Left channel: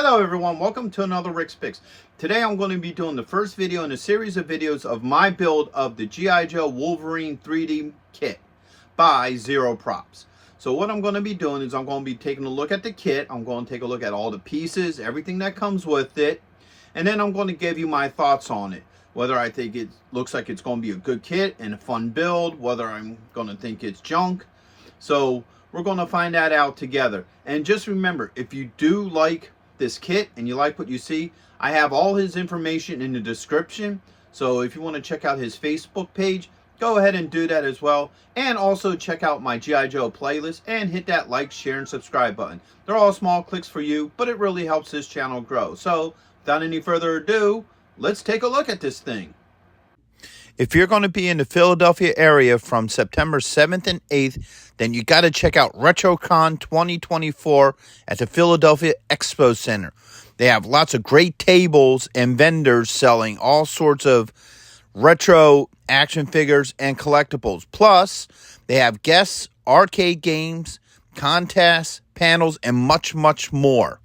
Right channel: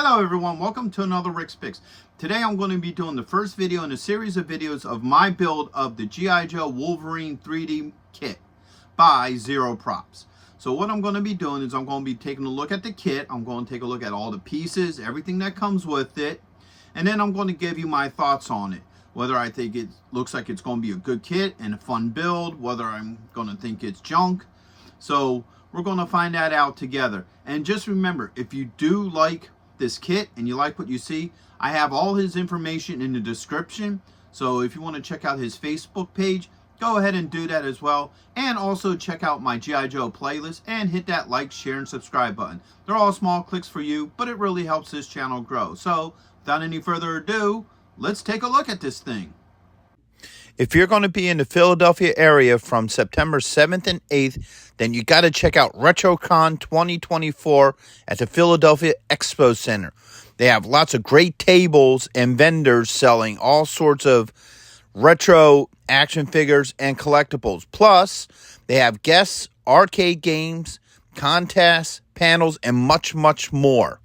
Hello everyone, welcome to another Rick's Picks. Today I'm going to be doing the first video in a series of videos of my build of the G.I.Joe Wolverine 3D kit by XeroProps. So what I'm going to be doing is I'm going to be taking a look at the kit. I'm going to take a look at all the pieces, everything that comes with it, and then I'm going to give you my thoughts on it. Whether I think it looks like it's going to be a good kit and a fun build, whether I'm going to think it's junk. So we're going to find that out together. And just remember, if you do like this kit and you like what you see, I have all his information in the description. So if you want to check out his Facebook page, go ahead and do that as well. And also check out my G.I.Joe playlist and hit that like, share, and subscribe button. They're all small clicks for you, but it really helps this channel grow. So without any further ado, let's take a look at this thing. If you're going to be in the Philadelphia area from September 7th and 8th, then you got to check out RetroCon 2024 at the Philadelphia Expo Center. They have lots of great tables and vendors selling all sorts of retro action figures and collectibles. Plus, they have guests, arcade games, contests, panels, and much, much more.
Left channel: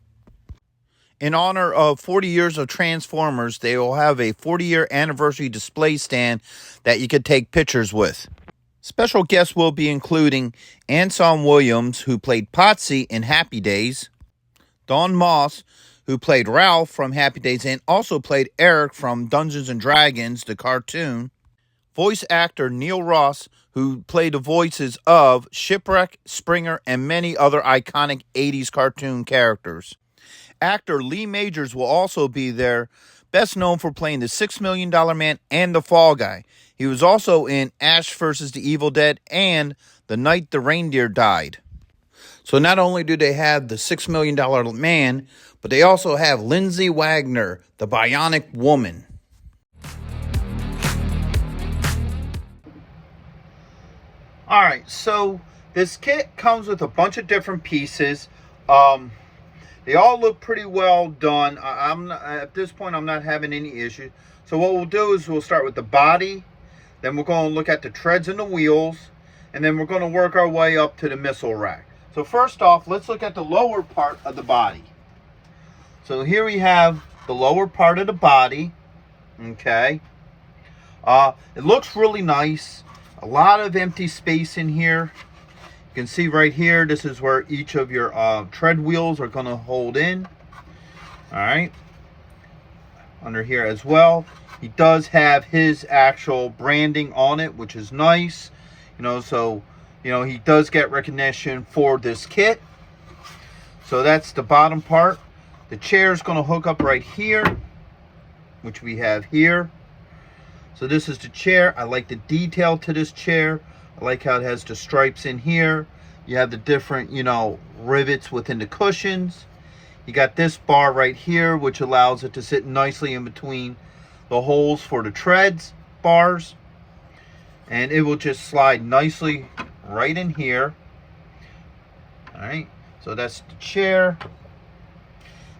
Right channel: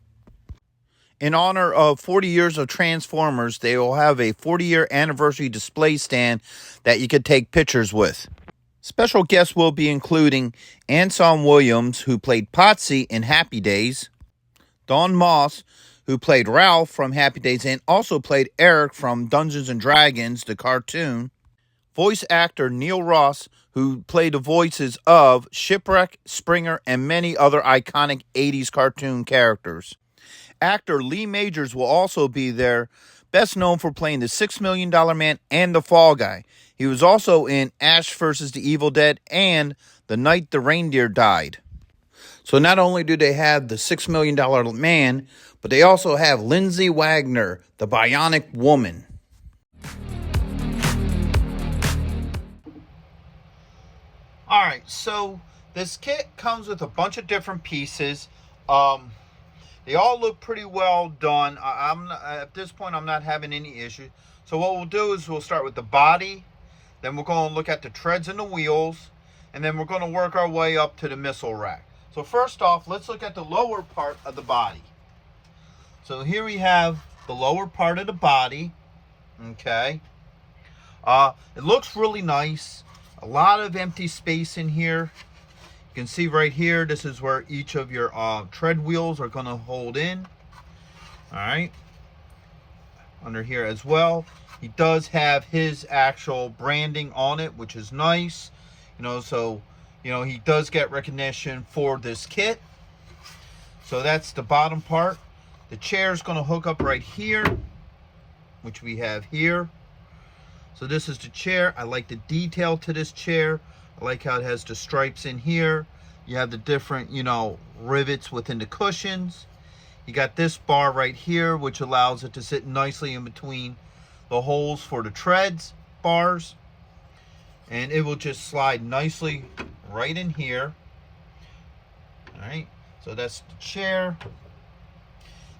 In honor of 40 years of Transformers, they will have a 40-year anniversary display stand that you could take pictures with. Special guests will be including Anson Williams, who played Potsy in Happy Days, Don Moss, who played Ralph from Happy Days and also played Eric from Dungeons & Dragons, the cartoon, voice actor Neil Ross, who played the voices of Shipwreck, Springer, and many other iconic 80s cartoon characters. Actor Lee Majors will also be there, best known for playing the $6 Million Man and the Fall Guy. He was also in Ash vs. the Evil Dead and The Night the Reindeer Died. So not only do they have the $6 Million Man, but they also have Lindsay Wagner, the Bionic Woman. Alright, so this kit comes with a bunch of different pieces. They all look pretty well done. At this point, I'm not having any issue. So what we'll do is we'll start with the body. Then we're going to look at the treads and the wheels. And then we're going to work our way up to the missile rack. So first off, let's look at the lower part of the body. So here we have the lower part of the body. Okay. It looks really nice. A lot of empty space in here. You can see right here, this is where each of your tread wheels are going to hold in. All right. Under here as well. He does have his actual branding on it, which is nice. So, he does get recognition for this kit. So that's the bottom part. The chair is going to hook up right here, which we have here. So this is the chair. I like the detail to this chair. I like how it has the stripes in here. You have the different, rivets within the cushions. You got this bar right here, which allows it to sit nicely in between the holes for the treads bars. And it will just slide nicely right in here. All right, so that's the chair.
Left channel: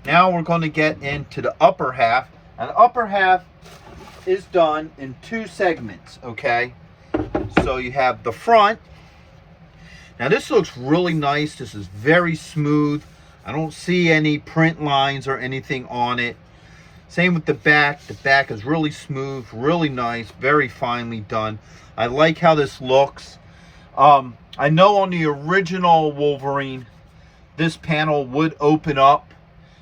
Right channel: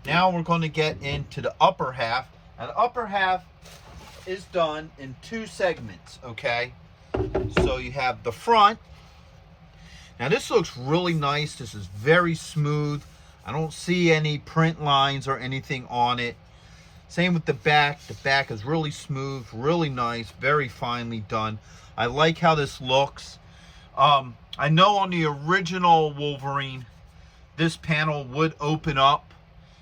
Now we're going to get into the upper half. And the upper half is done in two segments, okay? So you have the front. Now this looks really nice. This is very smooth. I don't see any print lines or anything on it. Same with the back. The back is really smooth, really nice, very finely done. I like how this looks. I know on the original Wolverine, this panel would open up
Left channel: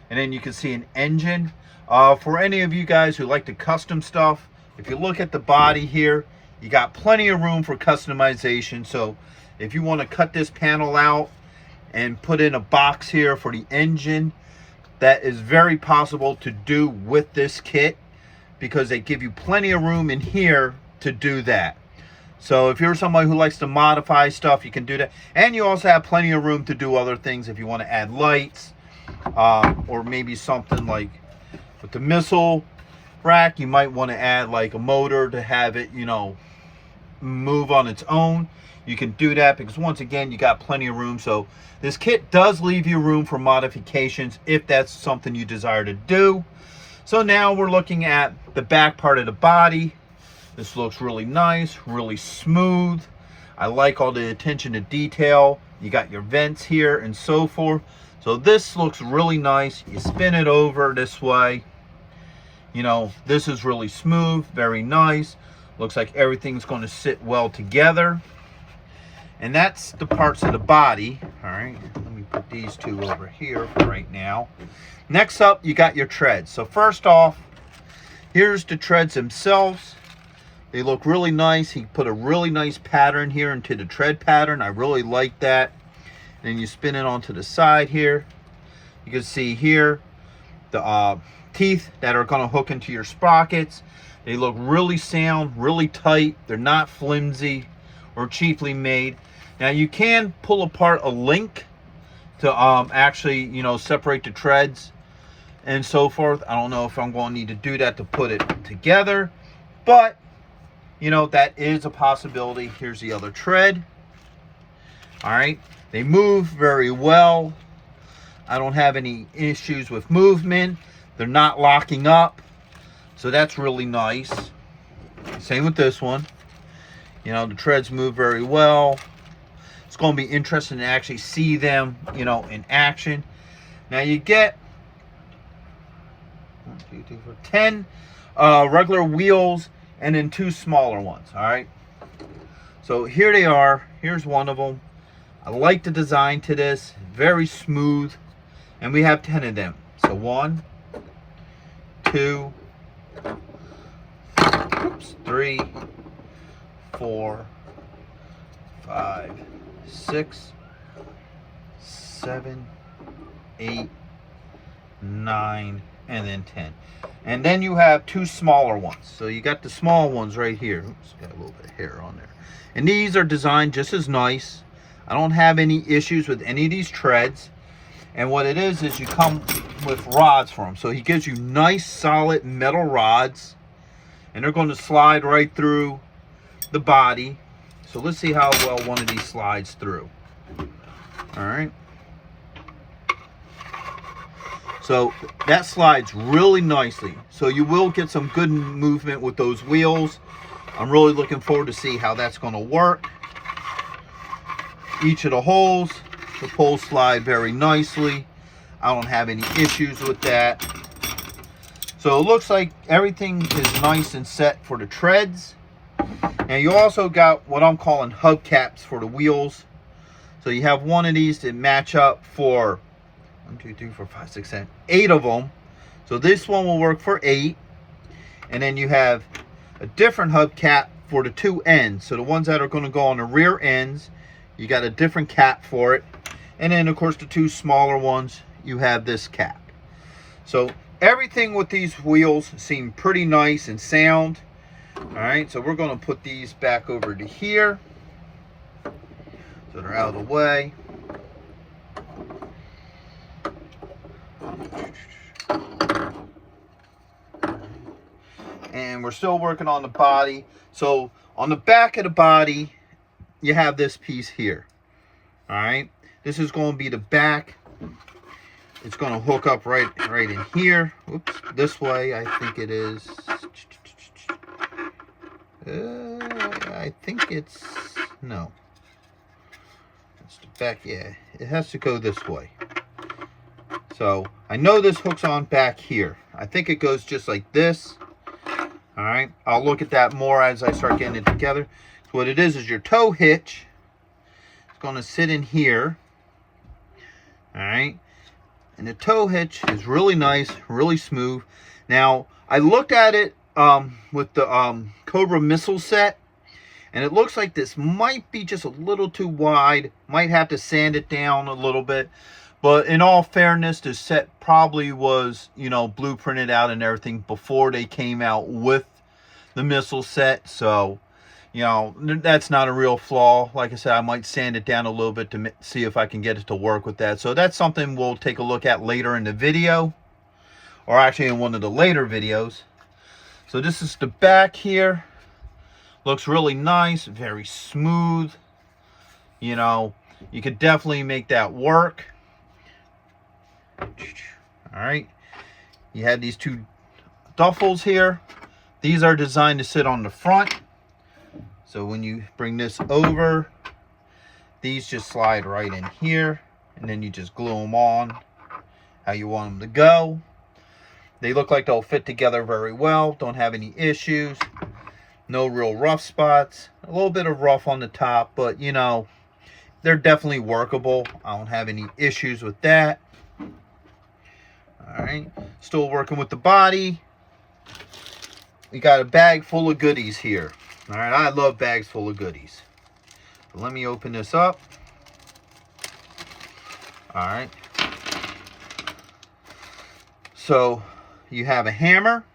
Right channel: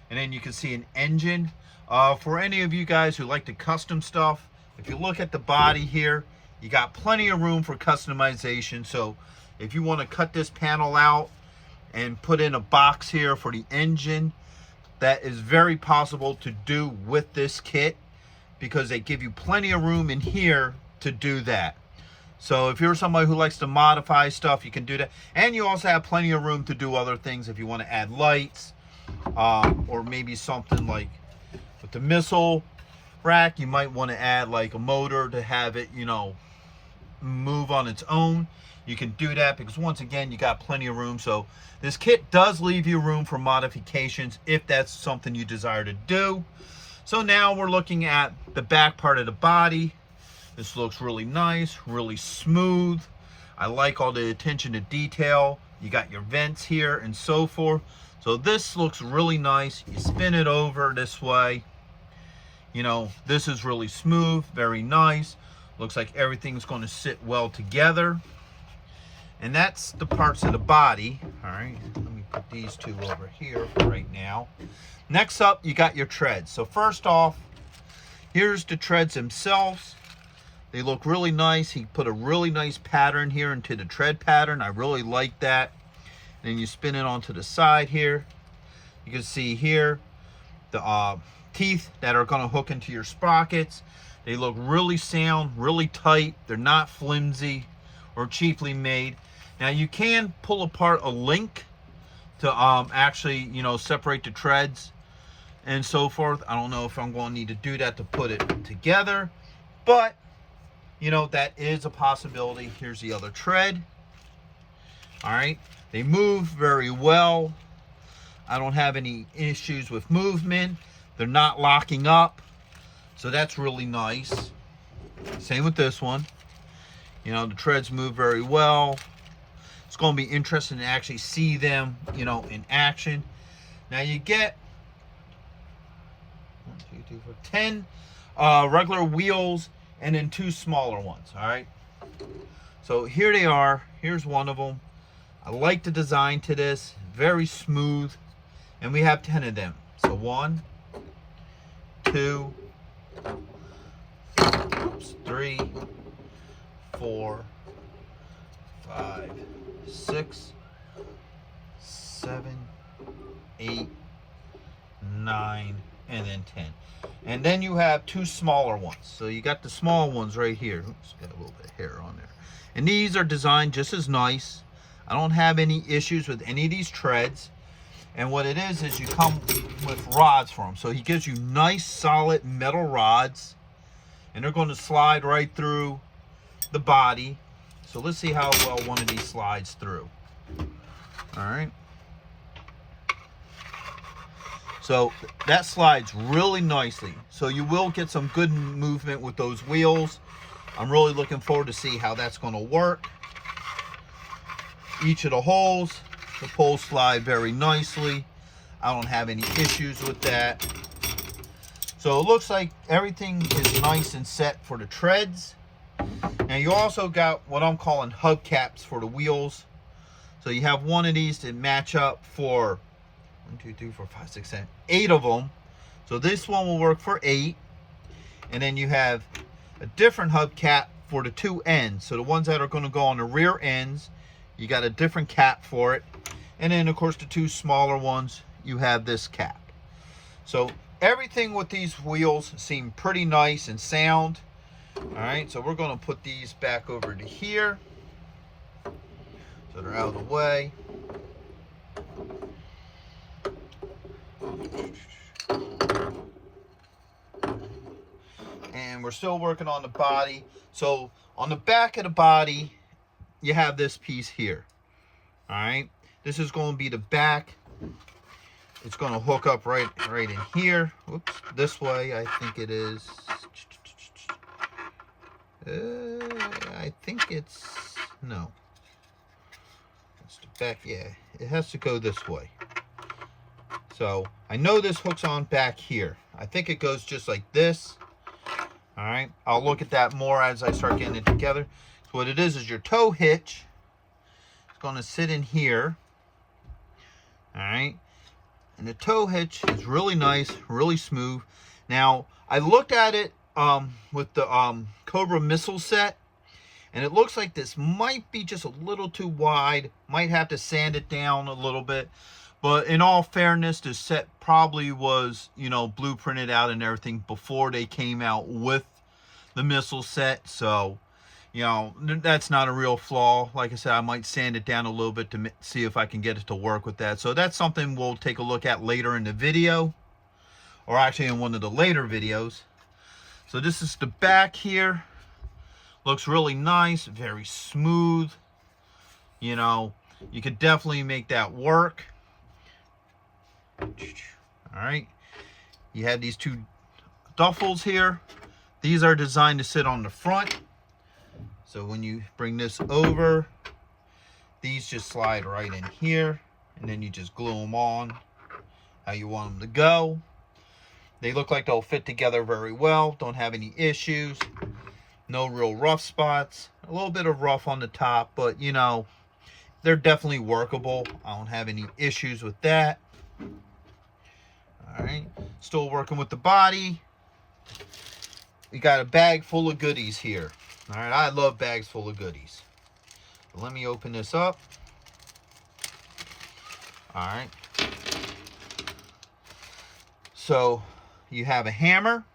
and then you can see an engine. For any of you guys who like to custom stuff, if you look at the body here, you got plenty of room for customization. So if you want to cut this panel out and put in a box here for the engine, that is very possible to do with this kit because they give you plenty of room in here to do that. So if you're somebody who likes to modify stuff, you can do that. And you also have plenty of room to do other things if you want to add lights or maybe something like with the missile rack, you might want to add like a motor to have it, move on its own. You can do that because once again, you got plenty of room. So this kit does leave you room for modifications if that's something you desire to do. So now we're looking at the back part of the body. This looks really nice, really smooth. I like all the attention to detail. You got your vents here and so forth. So this looks really nice. You spin it over this way. You know, this is really smooth, very nice. Looks like everything's going to sit well together. And that's the parts of the body. All right, let me put these two over here for right now. Next up, you got your treads. So first off, here's the treads themselves. They look really nice. He put a really nice pattern here into the tread pattern. I really like that. Then you spin it onto the side here. You can see here the teeth that are going to hook into your sprockets. They look really sound, really tight. They're not flimsy or cheaply made. Now you can pull apart a link to actually, you know, separate the treads and so forth. I don't know if I'm going to need to do that to put it together, but you know, that is a possibility. Here's the other tread. All right, they move very well. I don't have any issues with movement. They're not locking up, so that's really nice. Same with this one. You know, the treads move very well. It's going to be interesting to actually see them, you know, in action. Now you get 10 regular wheels and then 2 smaller ones. All right. So here they are. Here's one of them. I like the design to this. Very smooth. And we have 10 of them. So 1, 2, 3, 4, 5, 6, 7, 8, 9, and then 10. And then you have 2 smaller ones. So you got the small ones right here. Oops, got a little bit of hair on there. And these are designed just as nice. I don't have any issues with any of these treads. And what it is you come with rods for them. So he gives you nice solid metal rods. And they're going to slide right through the body. So let's see how well one of these slides through. All right. So that slides really nicely. So you will get some good movement with those wheels. I'm really looking forward to see how that's going to work. Each of the holes, the poles slide very nicely. I don't have any issues with that. So it looks like everything is nice and set for the treads. Now you also got what I'm calling hubcaps for the wheels. So you have one of these that match up for 1, 2, 3, 4, 5, 6, 7, 8 of them. So this one will work for 8. And then you have a different hubcap for the 2 ends. So the ones that are going to go on the rear ends, you got a different cap for it. And then of course the 2 smaller ones, you have this cap. So everything with these wheels seem pretty nice and sound. All right, so we're going to put these back over to here so they're out of the way. And we're still working on the body. So on the back of the body, you have this piece here. All right, this is going to be the back. It's going to hook up right in here. Oops, this way I think it is. I think it's, no. It's the back, yeah. It has to go this way. So I know this hooks on back here. I think it goes just like this. All right, I'll look at that more as I start getting it together. So what it is your tow hitch. It's going to sit in here. All right. And the tow hitch is really nice, really smooth. Now, I looked at it with the Cobra missile set, and it looks like this might be just a little too wide. Might have to sand it down a little bit. But in all fairness, the set probably was, you know, blueprinted out and everything before they came out with the missile set. So, you know, that's not a real flaw. Like I said, I might sand it down a little bit to see if I can get it to work with that. So that's something we'll take a look at later in the video, or actually in one of the later videos. So this is the back here. Looks really nice, very smooth. You know, you could definitely make that work. All right. You have these 2 duffels here. These are designed to sit on the front. So when you bring this over, these just slide right in here and then you just glue them on how you want them to go. They look like they'll fit together very well. Don't have any issues. No real rough spots. A little bit of rough on the top, but you know, they're definitely workable. I don't have any issues with that. All right, still working with the body. We got a bag full of goodies here. All right, I love bags full of goodies. So let me open this up. All right. So you have a hammer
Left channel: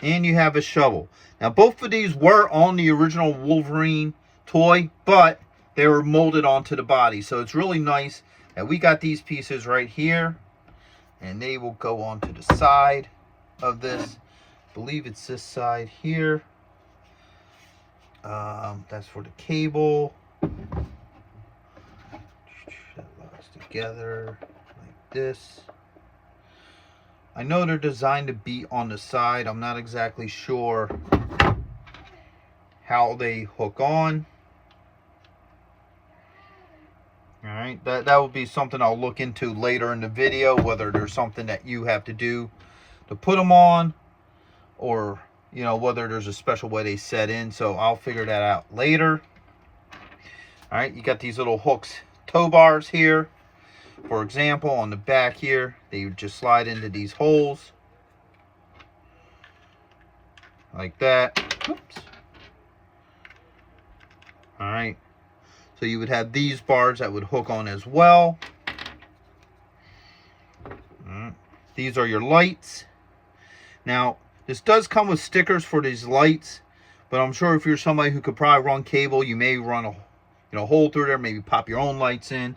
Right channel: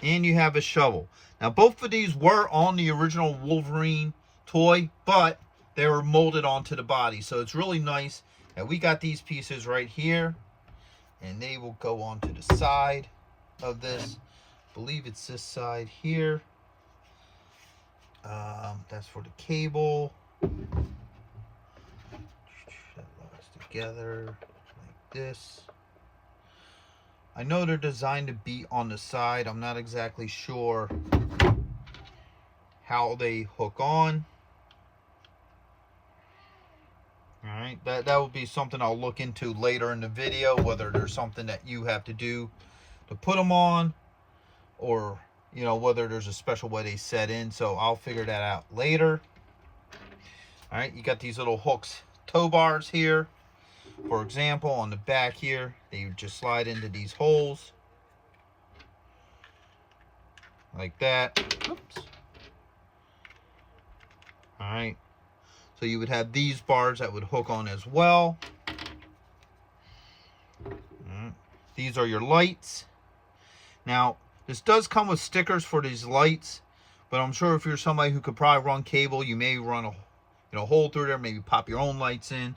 and you have a shovel. Now both of these were on the original Wolverine toy, but they were molded onto the body. So it's really nice that we got these pieces right here, and they will go onto the side of this. I believe it's this side here. That's for the cable. That locks together like this. I know they're designed to be on the side. I'm not exactly sure how they hook on. All right, that will be something I'll look into later in the video, whether there's something that you have to do to put them on, or you know, whether there's a special way they set in. So I'll figure that out later. All right, you got these little hooks, tow bars here. For example, on the back here, they would just slide into these holes like that. Oops. All right. So you would have these bars that would hook on as well. These are your lights. Now, this does come with stickers for these lights, but I'm sure if you're somebody who could probably run cable, you may run a hole through there, maybe pop your own lights in,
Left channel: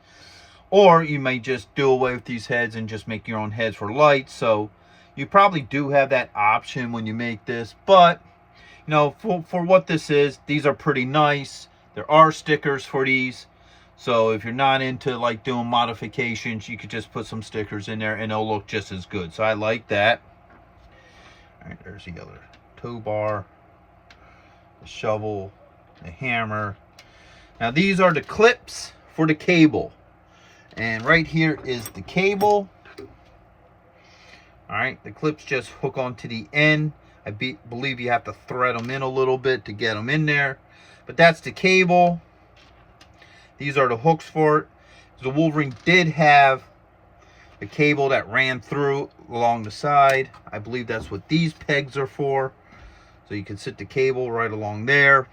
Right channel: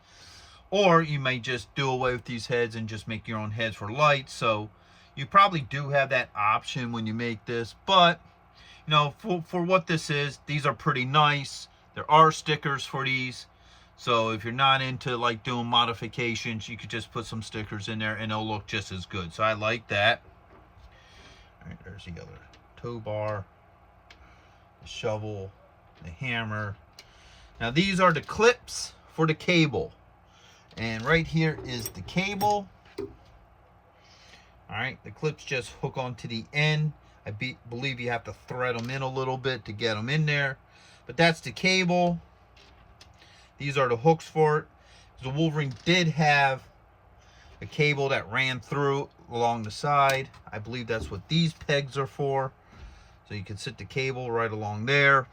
or you may just do away with these heads and just make your own heads for lights. So you probably do have that option when you make this, but you know, for what this is, these are pretty nice. There are stickers for these, so if you're not into like doing modifications, you could just put some stickers in there and it'll look just as good. So I like that. All right, there's the other tow bar, the shovel, the hammer. Now these are the clips for the cable, and right here is the cable. All right, the clips just hook onto the end. I believe you have to thread them in a little bit to get them in there. But that's the cable. These are the hooks for it. The Wolverine did have a cable that ran through along the side. I believe that's what these pegs are for. So you can sit the cable right along there,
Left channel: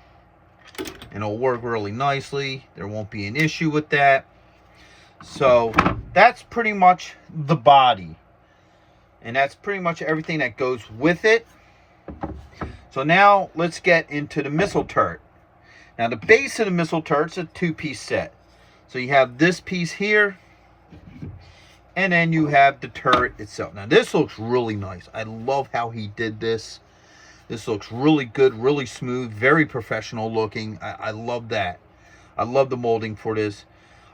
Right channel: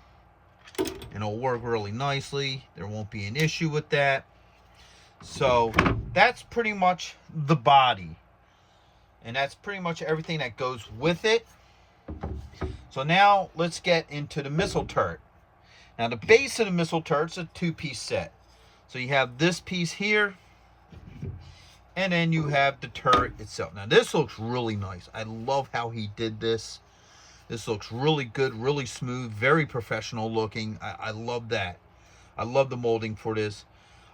and it'll work really nicely. There won't be an issue with that. So that's pretty much the body. And that's pretty much everything that goes with it. So now let's get into the missile turret. Now the base of the missile turret's a two-piece set. So you have this piece here, and then you have the turret itself. Now this looks really nice. I love how he did this. This looks really good, really smooth, very professional looking. I love that. I love the molding for this.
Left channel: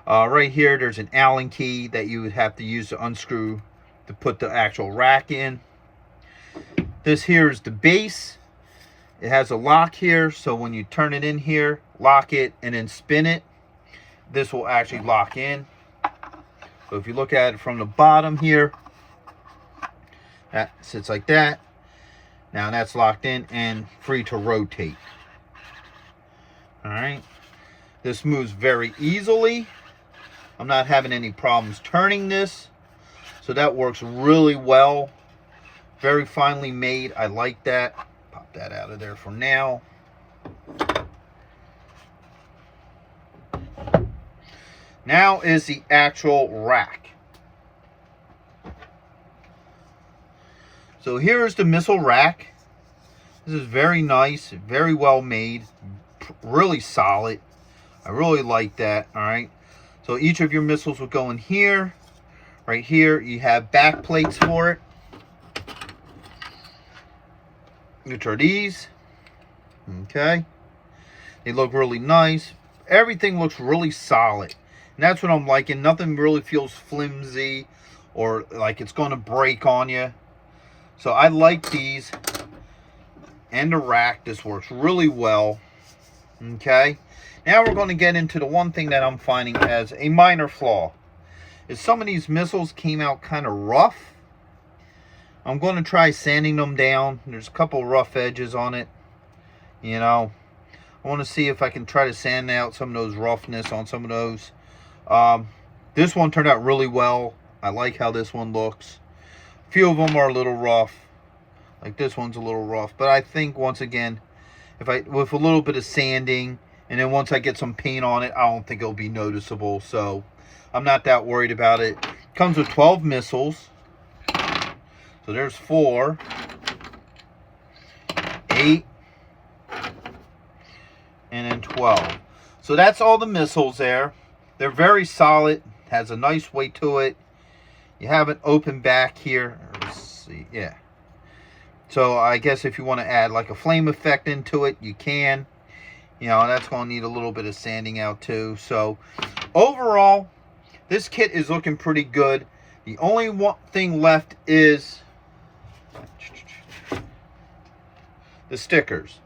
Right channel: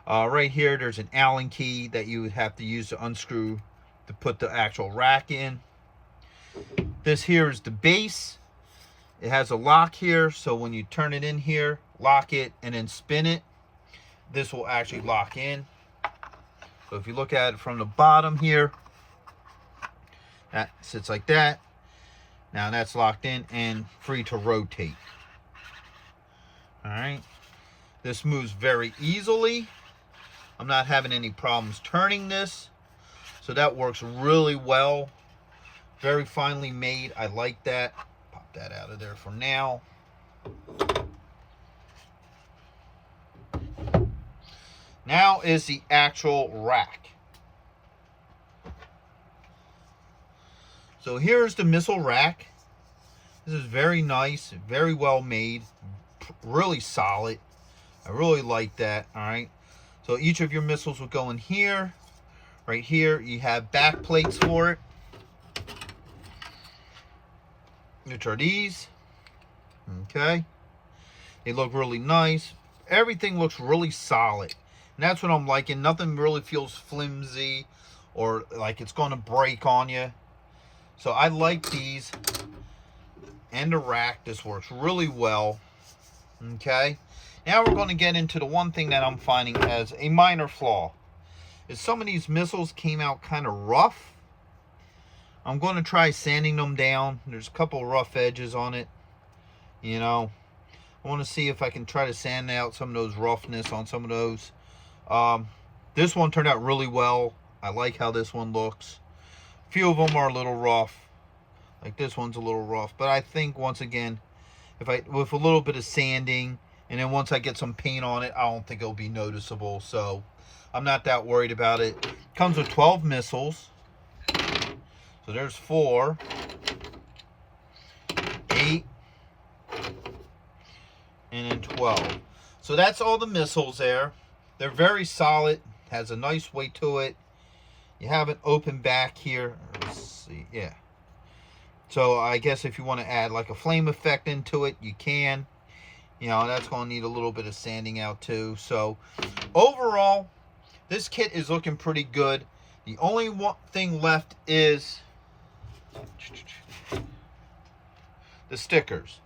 Right here, there's an Allen key that you would have to use to unscrew to put the actual rack in. This here is the base. It has a lock here, so when you turn it in here, lock it, and then spin it, this will actually lock in. So if you look at it from the bottom here, that sits like that. Now that's locked in and free to rotate. All right. This moves very easily. I'm not having any problems turning this. So that works really well. Very finely made. I like that. Pop that out of there for now. Now is the actual rack. So here's the missile rack. This is very nice, very well made, really solid. I really like that. All right. So each of your missiles will go in here. Right here, you have back plates for it, which are these. Okay. They look really nice. Everything looks really solid. And that's what I'm liking. Nothing really feels flimsy or like it's going to break on you. So I like these. And the rack. This works really well. Okay, now we're going to get into the one thing that I'm finding as a minor flaw. Is some of these missiles came out kind of rough. I'm going to try sanding them down. There's a couple rough edges on it. You know, I want to see if I can try to sand out some of those roughness on some of those. This one turned out really well. I like how this one looks. A few of them are a little rough. Like this one's a little rough. But I think, once again, with a little bit of sanding, and then once I get some paint on it, I don't think it'll be noticeable. So I'm not that worried about it. Comes with 12 missiles. So there's 4, 8, and then 12. So that's all the missiles there. They're very solid. Has a nice weight to it. You have an open back here. Let's see. Yeah. So I guess if you want to add like a flame effect into it, you can. You know, that's going to need a little bit of sanding out too. So overall, this kit is looking pretty good. The only one thing left is the stickers.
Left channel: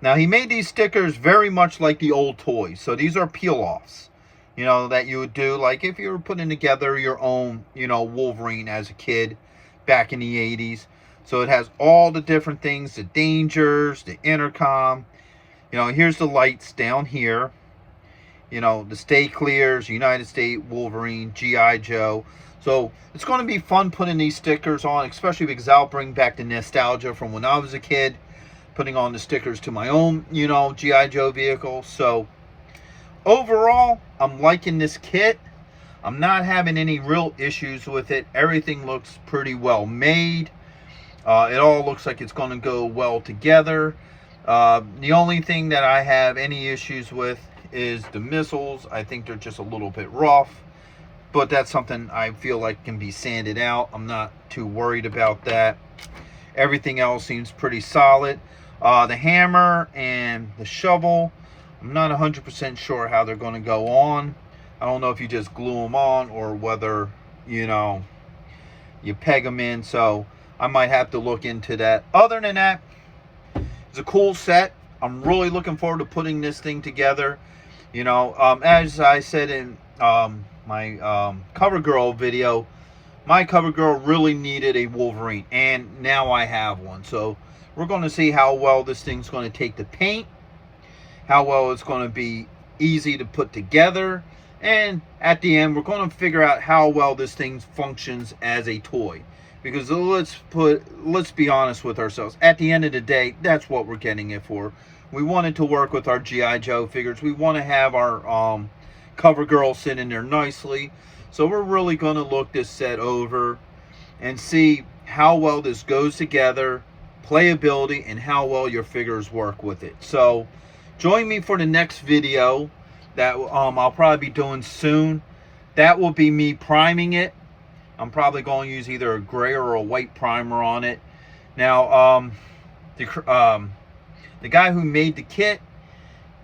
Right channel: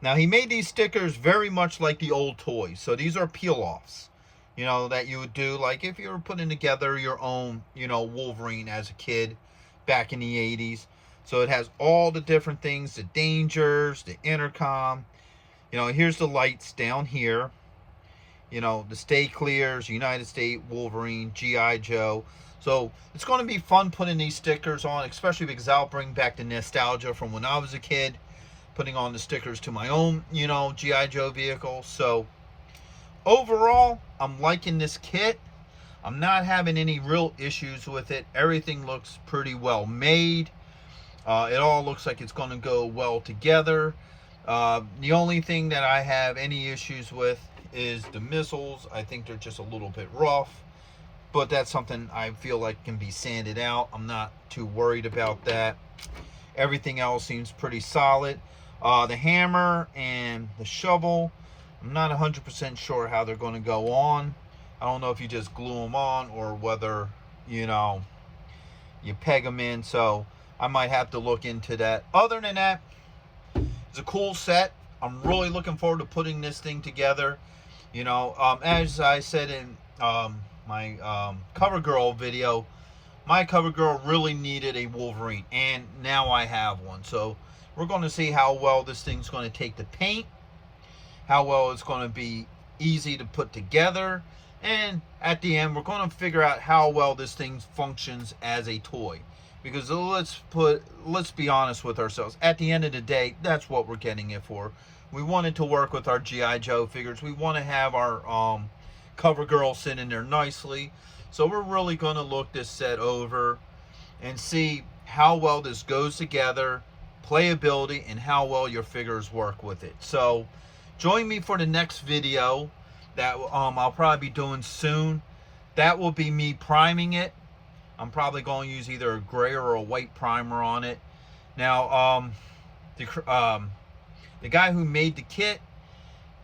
Now, he made these stickers very much like the old toys. So these are peel-offs, you know, that you would do like if you were putting together your own, you know, Wolverine as a kid back in the 80s. So it has all the different things, the dangers, the intercom. You know, here's the lights down here. You know, the Stay Clears, United States, Wolverine, G.I.Joe. So it's going to be fun putting these stickers on, especially because I'll bring back the nostalgia from when I was a kid, putting on the stickers to my own, you know, G.I. Joe vehicle. So overall, I'm liking this kit. I'm not having any real issues with it. Everything looks pretty well made. It all looks like it's going to go well together. The only thing that I have any issues with is the missiles. I think they're just a little bit rough, but that's something I feel like can be sanded out. I'm not too worried about that. Everything else seems pretty solid. The hammer and the shovel, I'm not 100% sure how they're going to go on. I don't know if you just glue them on or whether, you know, you peg them in. So I might have to look into that. Other than that, it's a cool set. I'm really looking forward to putting this thing together. You know, as I said in my cover girl video, my cover girl really needed a Wolverine, and now I have one. So we're going to see how well this thing's going to take the paint, how well it's going to be easy to put together, and at the end we're going to figure out how well this thing functions as a toy. Because let's be honest with ourselves. At the end of the day, that's what we're getting it for. We wanted to work with our G.I. Joe figures. We want to have our cover girl sit in there nicely. So we're really going to look this set over and see how well this goes together, playability, and how well your figures work with it. So join me for the next video that I'll probably be doing soon. That will be me priming it. I'm probably going to use either a gray or a white primer on it. Now, the guy who made the kit,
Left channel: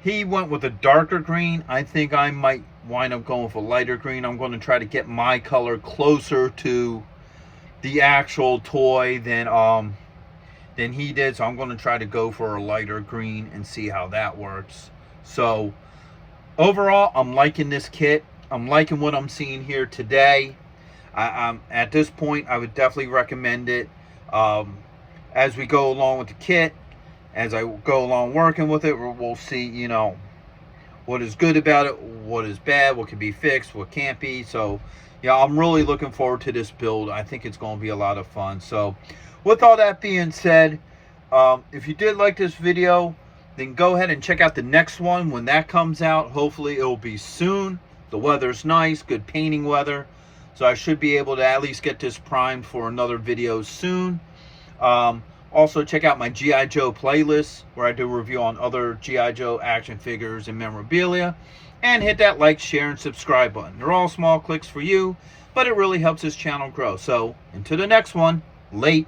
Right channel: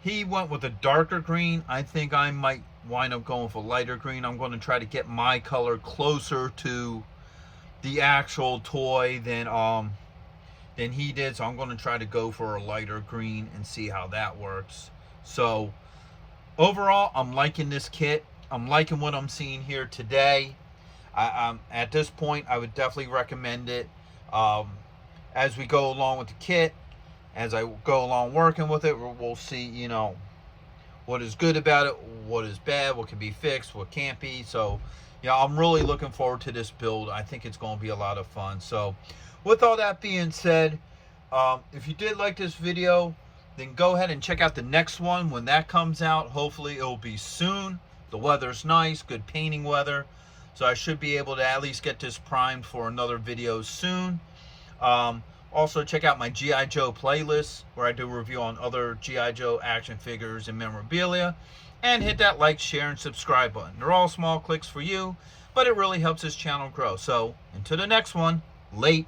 he went with a darker green. I think I might wind up going with a lighter green. I'm going to try to get my color closer to the actual toy than he did. So I'm going to try to go for a lighter green and see how that works. So overall, I'm liking this kit. I'm liking what I'm seeing here today. At this point, I would definitely recommend it. As we go along with the kit, as I go along working with it, we'll see, you know, what is good about it, what is bad, what can be fixed, what can't be. So, yeah, I'm really looking forward to this build. I think it's going to be a lot of fun. So, with all that being said, if you did like this video, then go ahead and check out the next one when that comes out. Hopefully, it'll be soon. The weather's nice, good painting weather. So I should be able to at least get this primed for another video soon. Also, check out my G.I. Joe playlist, where I do a review on other G.I. Joe action figures and memorabilia. And hit that like, share, and subscribe button. They're all small clicks for you, but it really helps this channel grow. So, until the next one, late.